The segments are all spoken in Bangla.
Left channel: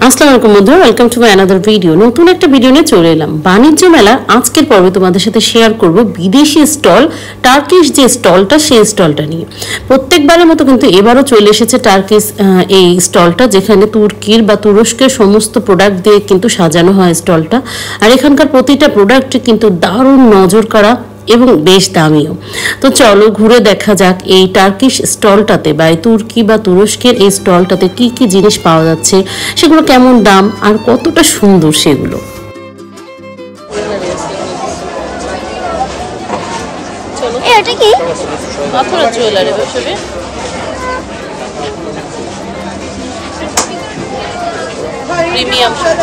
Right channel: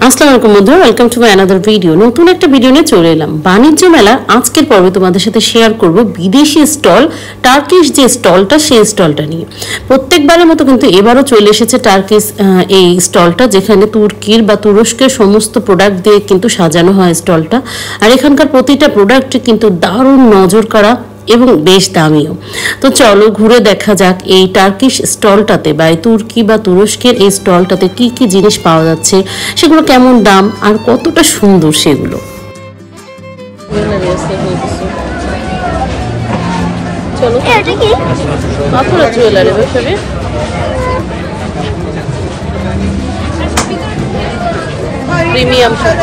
আসসালামু আলাইকুম বন্ধুরা, welcome to my another video. নতুন একটা ভিডিও নিয়ে চলে এলাম। বাণিজ্য মেলার আজকের পর্বে তোমাদের সাথে শেয়ার করব বিদেশি স্টল, টার্কিশ যে স্টলটা, সেই স্টলটা নিয়ে। প্রত্যেকবারের মতো কিন্তু এবারও চলে এসেছে টার্কিশ এই স্টলটা, যেখানে তুর্কির বা তুরস্কের সমস্ত প্রোডাক্ট দিয়ে কিন্তু সাজানো হয় স্টলটা। আর এখানকার প্রতিটা প্রোডাক্ট কিন্তু দারুণ নজর কাড়া এবং বেশ দামিও। তো চলো ঘুরে দেখা যাক এই টার্কিশ স্টলটাতে বা এই তুর্কি বা তুরস্কের এই স্টলটাতে কি কি জিনিস পাওয়া যাচ্ছে, সেগুলো কেমন দাম আর কতটা সুন্দর সেগুলো। চলো এটা কি মাথুরা জুয়েলারি ব্যবসায়ী, প্রিমিয়াম সব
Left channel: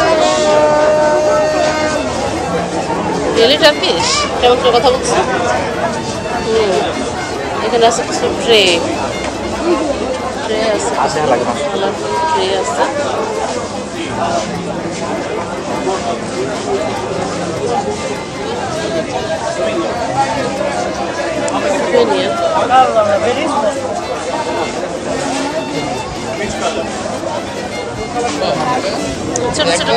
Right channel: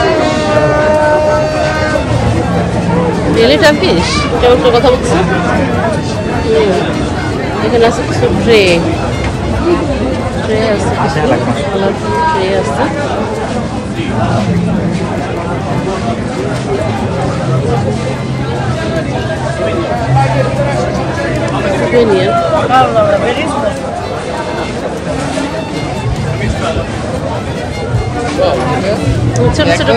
রিয়েলি টার্কিশ। কেমন করে কথা বলছো? এখানে আছে কিছু ট্রে আছে, কিছু কালারফুল ট্রে আছে। ছোট ছোট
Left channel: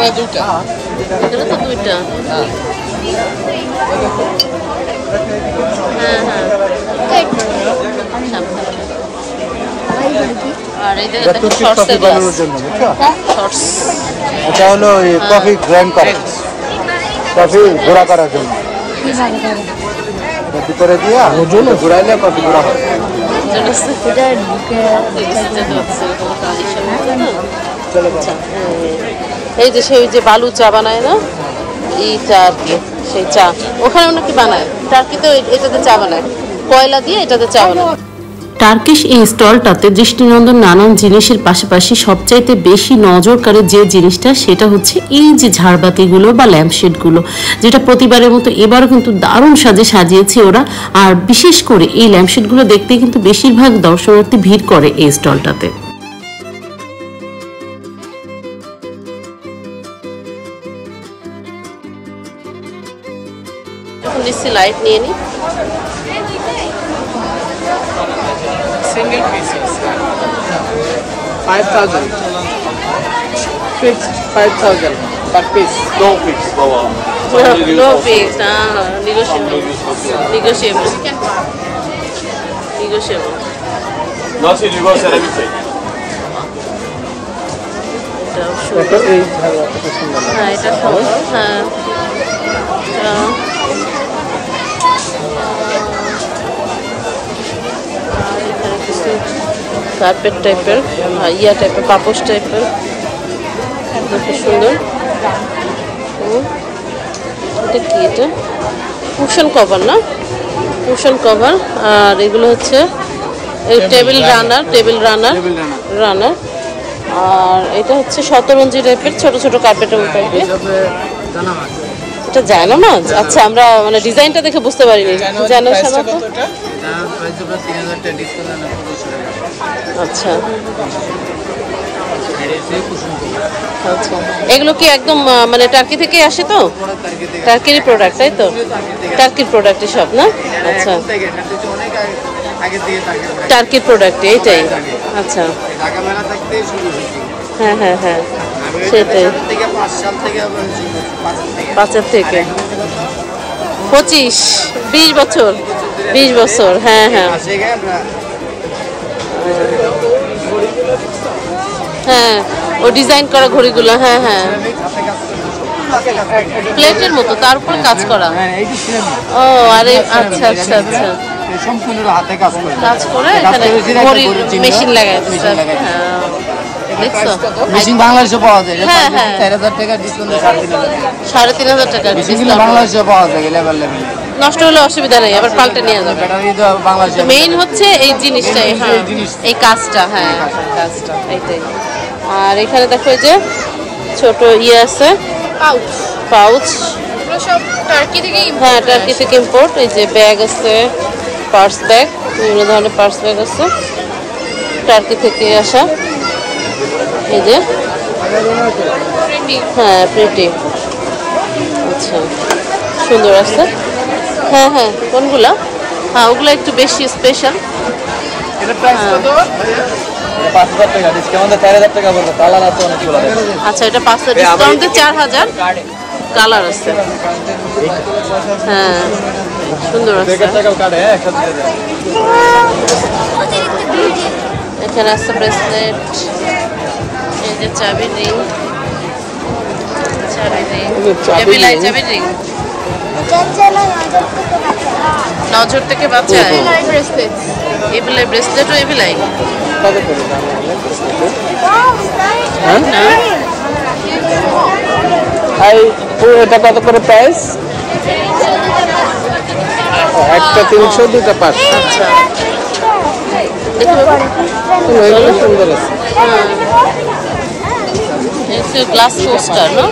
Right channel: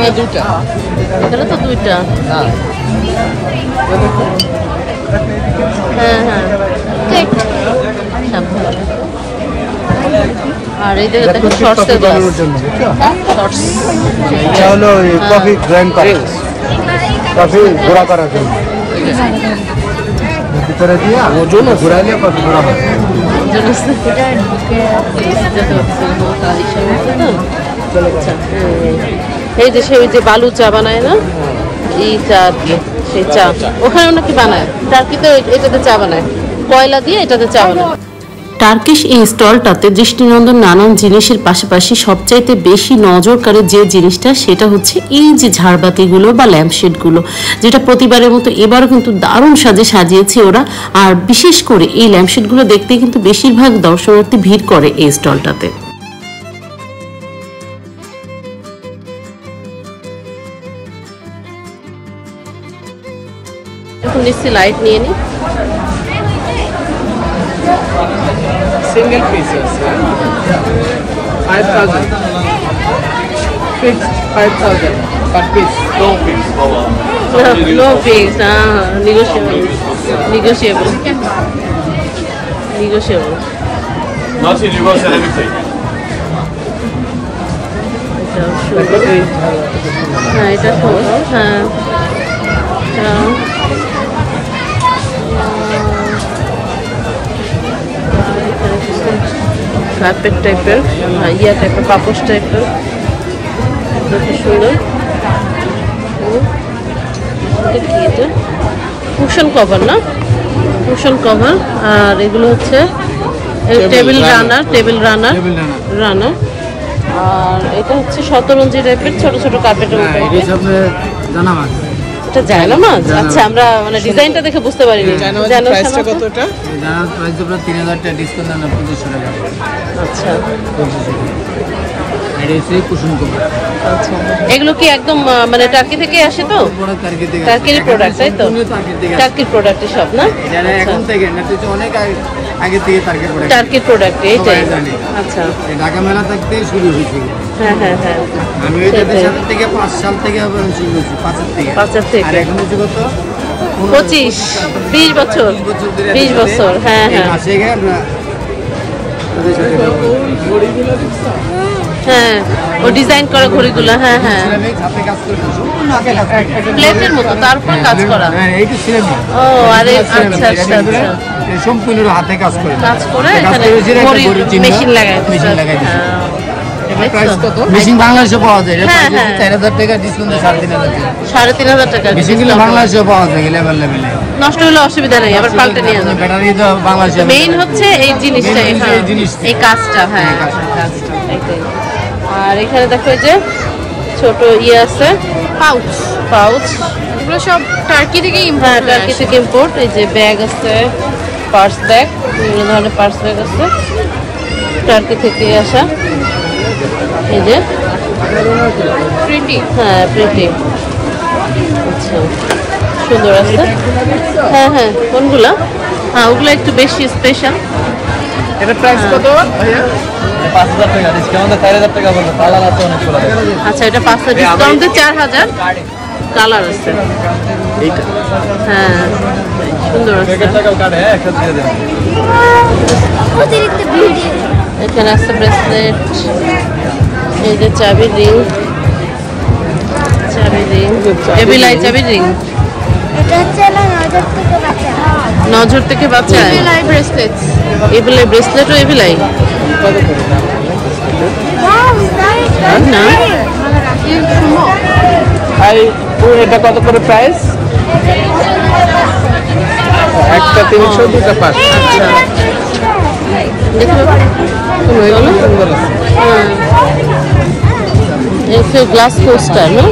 এখানে তো দুইটা। হ্যাঁ হ্যাঁ, আর এই দেখো শর্টসের গ্লাস, শর্টস চলো কফি গ্র্যান্ড করে কফি ঘোরা করা করে দিয়া এটা ঘুরাইলে কফি ঘোরা হবে। এই যে সেই যে বালু চা বানায় না, এই চা, সেই চা ওখানেও নাকি বানায়। টার্কিতে এটাতে চা বানায়, কয়লা দিয়ে এটাতে চা বানায়। টার্কিশ এই স্টলটাতে দৃষ্টিনন্দন নানান জিনিসের পাশাপাশি সবচাইতে বেশি নজর কাড়ে যে জিনিসটা, সেটা হচ্ছে এই যে ঝাড়বাতিগুলো বা ল্যাম্পশেডগুলো, যেটা প্রতিবারের মতো এবারও কিন্তু দারুণ সাজে সাজিয়েছে ওরা। আর বিশেষ করে এই ল্যাম্পশেডগুলো দেখতে কিন্তু বেশিরভাগ দর্শনার্থী ভিড় করে এই স্টলটাতে। যখন নিচ্ছি লাইট নিয়ে নিই। Single pieces. 5,000. Fixed 5,000. A piece, long piece. Long piece, negotiable. Negotiable. Negotiable. Nasıl yuva seramik? এটাও সুন্দর। হ্যাঁ এটা সুন্দর। হ্যাঁ কার্পেট টাইপের, ইয়া টাইপের, পাপোশ টাইপের, খুব সুন্দর। এটা কি? এটা কুশন কভার না, কুশন কভার। আর এগুলো হচ্ছে টেবিল রানার, রানার। আর এটা হচ্ছে শতরঞ্জি টাইপের ছোট ছোট কার্পেটের মতো। এটা জানো না? আচ্ছা, আমরা মানে ডিজাইনটা দেখে বুঝতে পারিনি। জানো শোনো তো। আচ্ছা আচ্ছা, এগুলো কি একদম মানে টার্কি থেকে আসে? তো টার্কির প্রোডাক্ট, তাই তো? টার্কির প্রোডাক্টই সব না? আচ্ছা, টার্কির প্রোডাক্ট এইটাই। আচ্ছা, ঢাকা মেলা থাকতে শুরু হয়েছে। হ্যাঁ হ্যাঁ হ্যাঁ, সেটাই। 5 সাল থেকে শুরু হয়েছে, 5 থেকে। আর এখন হচ্ছে কত? 25-20 বছর, 20 বছর। হ্যাঁ হ্যাঁ হ্যাঁ, ও ডিজাইন করা ঘড়িগুলো। হ্যাঁ হ্যাঁ, প্লেটের মতো, তার উপর কাজ করা। ও আরে, আচ্ছা আচ্ছা আচ্ছা, সম্পূর্ণ হাতে কাজ করে এখানে ঘড়ি মেশিন লাগায়। মেশিন বাংলাদেশে পাওয়া যায়। 4,000 টাকা ডিসকাউন্টে 3,500 টাকা। বাংলাদেশে পাওয়া যায়, নষ্ট হলে অসুবিধা নেই, আবার পাল্টে নিয়ে যাবে। ব্যাটারি তো বাংলাদেশে মেইন হচ্ছে এই জিনিসটাই। হ্যাঁ, এই কাজটা। হ্যাঁ, কাজটা এটাই। আর এখানে দেখো এই যে ছোট ইয়ে আছে, পাউচ। হ্যাঁ, টার্কি থেকে ইম্পোর্ট। এই যে ব্যাগ আছে, পার্স ব্যাগ, বিভিন্ন ধরনের পার্স ব্যাগ আছে টার্কি থেকে আসা। এই যে হ্যাঁ, প্রিন্টিং। আচ্ছা, সুন্দর আছে। হ্যাঁ হ্যাঁ, কোনগুলা? হ্যাঁ, ওগুলো একটু বেশি স্পেশাল। 5000 টাকা ডিসকাউন্টে 4000 টাকা লাগবে কালার আছে আচ্ছা এটা 500 ডিসকাউন্টে 4000 কালার আছে হ্যাঁ সুন্দর আছে এখানে আছে ব্রেসলেট এই যে চাবি রিং এবিলাই চাবি রিং নজর থেকে বাঁচায় এবিলাই ব্রেসলেটও এবিলাই না আর পুরোটা কত করে প্রাইস একটা 300 দুটো 500 আচ্ছা দেখো সুন্দর আছে এটা গ্লাস কোস্টার না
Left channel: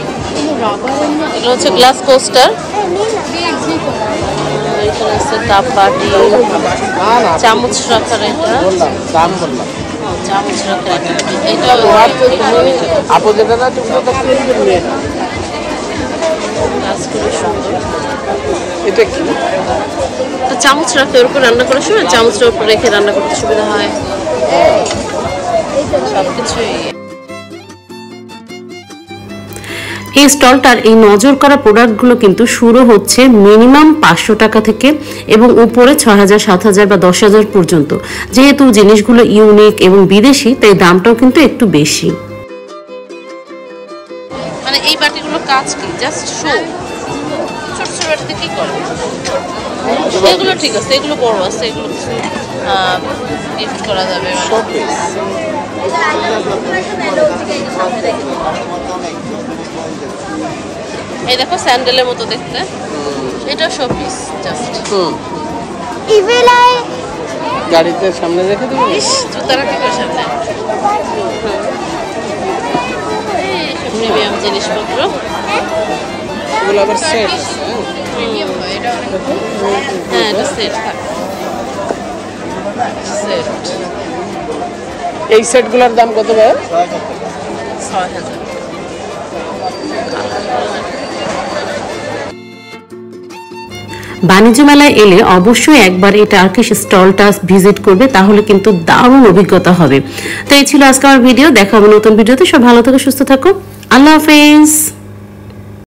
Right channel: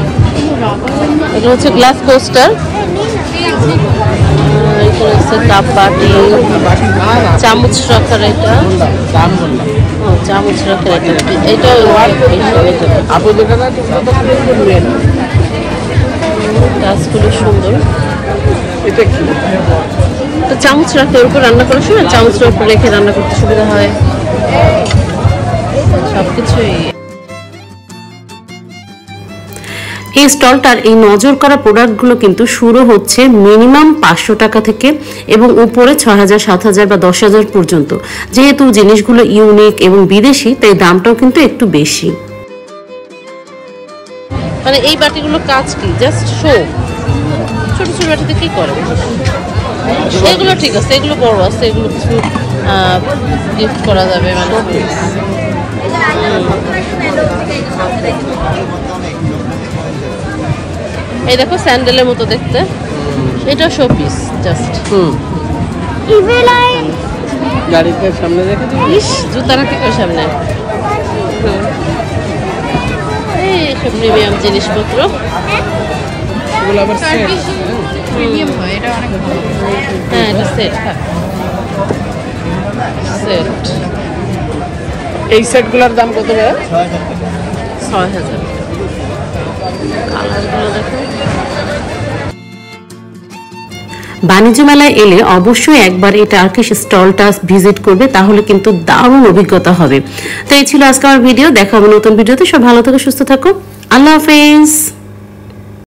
এগুলো হচ্ছে গ্লাস কোস্টার এখানে আছে কাপ বাটি চামচ রাখার এটা দাম বললাম চামচ রাখার এটা এটাও আপু যেটা না গাছগুলো সুন্দর এটা কি তো চামচ রাখতে ওর উপর রান্না করার সময় চামচটার উপর রেখে রান্না করতে সুবিধা হয় সবকিছুই এই স্টলটার এই নজর করা প্রোডাক্টগুলো কিন্তু শুরু হচ্ছে মিনিমাম 500 টাকা থেকে এবং উপরে 6000 7000 বা 10000 পর্যন্ত যেহেতু জিনিসগুলো ইউনিক এবং বিদেশি তাই দামটাও কিন্তু একটু বেশি মানে এই বাটিগুলো কাজ কি জাস্ট শো ছোট ছোট বাটিতে কি করে এগুলো ঠিক আছে এগুলো বড় আছে এগুলো কিছু গিফট করা যাবে মানে এই দেখো স্যান্ডেলের মতো দেখতে এটা শো পিস জাস্ট গাড়িতে সামনে রেখে জুতা রাখতে সামনে এই সব প্রিমিয়াম জিনিসপত্র এগুলো আবার সেট হ্যাঁ এটা সেট থাক সেট এই সেটগুলোর দাম কত ভাই 6000 কালারগুলো দেখো বাণিজ্য মেলায় এলে অবশ্যই একবার এই টার্কিশ স্টলটা ভিজিট করবে তাহলে কিন্তু দারুণ অভিজ্ঞতা হবে তো এই ছিল আজকে আমার ভিডিও দেখা হবে নতুন ভিডিওতে সব ভালো থাকো সুস্থ থাকো আল্লাহ হাফেজ